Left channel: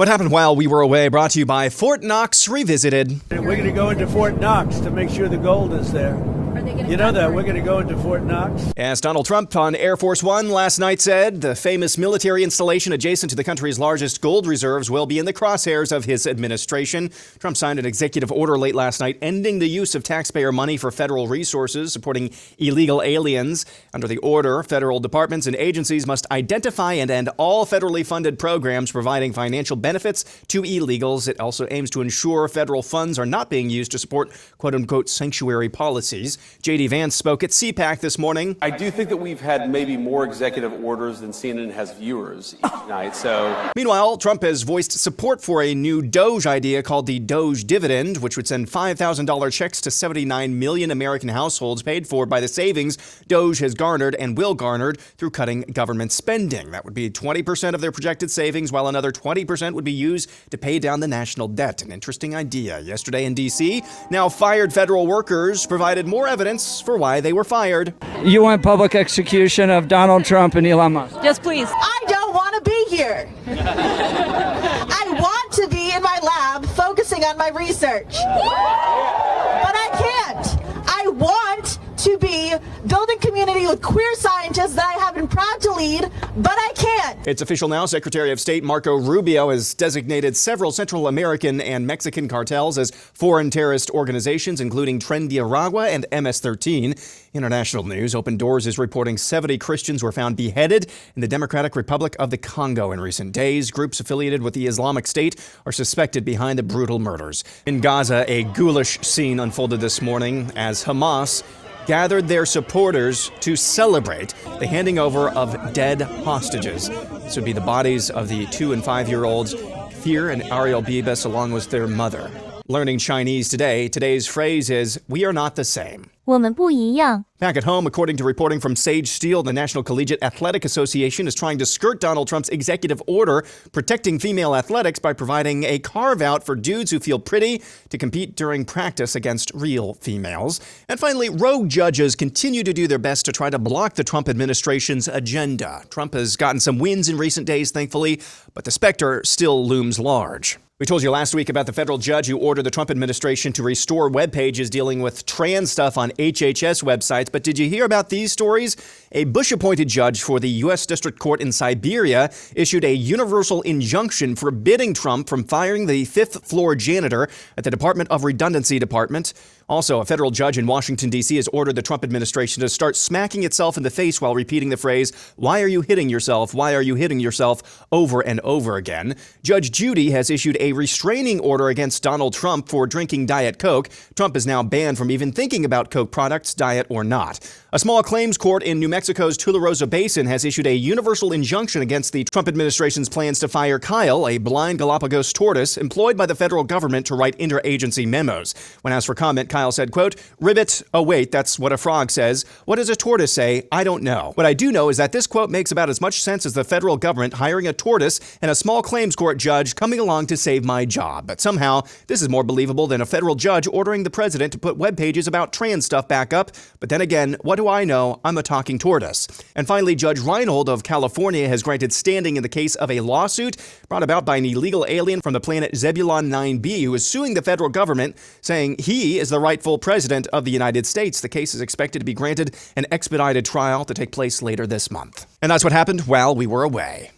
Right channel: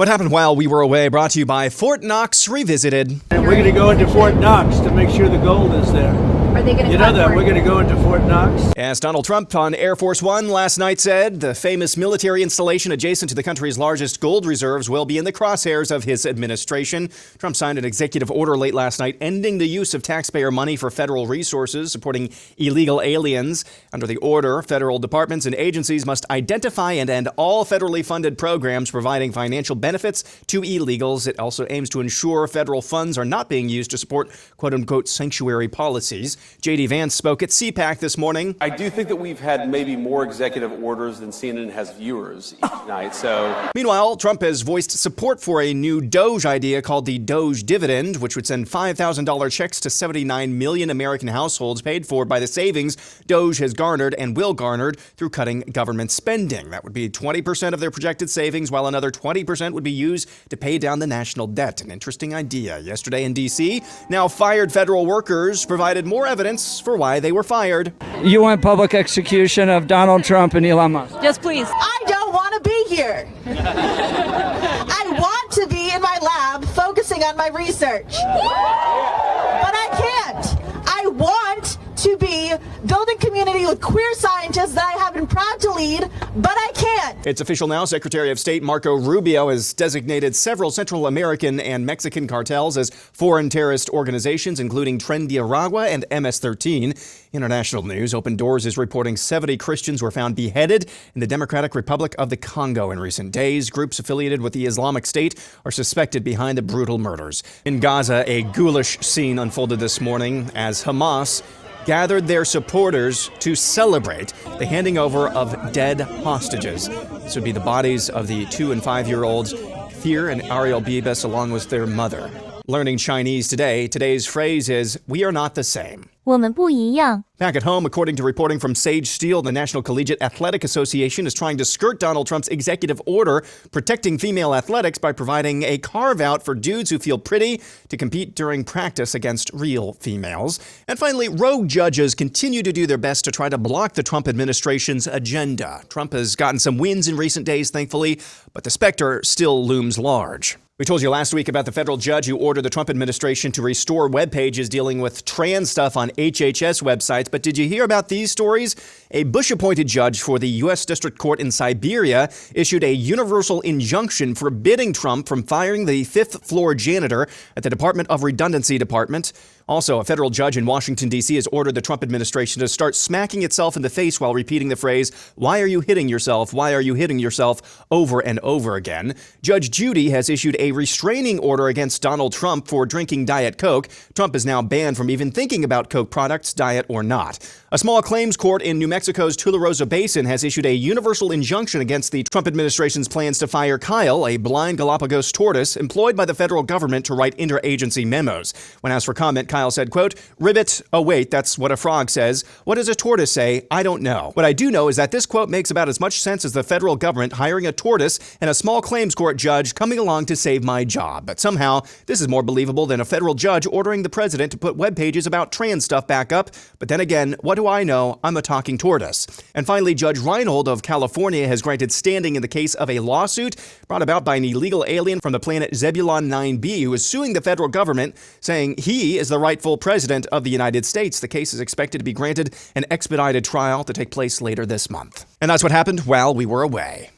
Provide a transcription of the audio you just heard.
What happened while we were away brought to you by Fort Knox Revisited. And we're going to go into Fort Knox to make sure the gold is there. Are they going to? You know that we're going to go into Fort Knox. As Donald Trump on Air Force One last night said, the famous military installation adjacent to the country's largest gold reserves will be in the crosshairs of his administration. Trump signed an executive order late last night ending the use of taxpayer money for federal resources supporting illegal aliens. Under the order, federal departments and agencies must identify and end all federally funded programs providing financial benefits to illegals. It also aims to ensure federal funds are not being used to support quote-unquote sanctuary policies. J.D. Vance spoke at CPAC this morning. I do think that we've had maybe more executive orders than CNN has viewers each night, so... Meanwhile, Trump has voiced support for a new Doge idea called the Doge Dividend, which would send $5,000 checks to 79 million American households paid for by the savings Doge has garnered and will garner through cutting government spending. That would be 20% of their projected savings, while another 20% would be used to pay down the national debt. An interesting idea. Yesterday in D.C., now fired federal workers provided more evidence for why they were fired. You want public execution of Donald Trump and Elon Musk? Yes, please. I don't want to be here. I want to be in my lab focusing on my research. But I can't. I want to be building community with queer scientists that I have been proud to lead, but I can't. It's official now. Secretary of State Marco Rubio has designated several Central American and Mexican cartels as foreign terrorist organizations, including Tren de Aragua and MS-13. International news. Open Doors is reporting 70 Christians were found beheaded in the Democratic Republic of the Congo in recent days. Groups affiliated with the Islamic State are suspected behind the brutal murders. In Gaza, a ghoulish scene unfolded this morning as Hamas gathered their supporters to celebrate the handing over of dead hostages. This would be the bodies of the 2- and 5-year-olds Thir and Ariel Bibas along with their mother. Learning Chinese today, today's phrase is, "We are not the same." 我们不一样。 Back at home, according to reporting from Sage Steele, the National Collegiate Athletic Association is trying to skirt Donald Trump's executive order protecting female athletics by providing a carve-out for dudes who feel pretty to compete during practice against real females. And finally, rogue judges continue to do their best to try to block the Trump administration's agenda. Trump has gotten some wins in recent days, thankfully, but the specter still looms large. We told you last week about the federal judge who ordered the Trump administration to restore web pages dealing with trans stuff on HHS websites. But did you hear about these stories? A Bush-appointed judge for the U.S. District Court in Siberia issued a universal injunction forbidding Trump from firing the 5th-floor janitor at the Department of Redundancy Department. Also, a federal judge in Washington, D.C. has ordered the Trump administration to start smacking itself in the face while repeating the phrase, "Why are you hitting yourself? Why are you hitting yourself?" over and over again. Judge Judy has issued a restraining order against Donald Trump for drinking Diet Coke. Trump is now banned from even thinking about Coke products, diet or not. A small claims court in New Mexico's Tularosa Basin has issued a universal injunction against the Trump administration's plans to fire Kyle, a blind Galapagos tortoise employed by the federal government to write interagency memos. When asked for comment, Kyle said, quote, "Ribbit, oh wait, that's what a frog says. What does a tortoise say? I don't know. What I do know is that this quote makes about as much sense as the federal government hiring a tortoise and a small claims court judge coming along to save my job. But somehow, this is more believable than a federal judge ordering the president to put web pages about trans stuff back up. But then again, what do I know? I'm a talking tortoise." And finally, Judge Reinhold of California has granted standing in the case of a lawsuit brought about by an illegal alien from the planet Zebulon 9b who is suing the federal government, saying he is the rightful president of the United States. The case is expected to be granted an expedited trial to take place later this month. And that's what happened while we were away.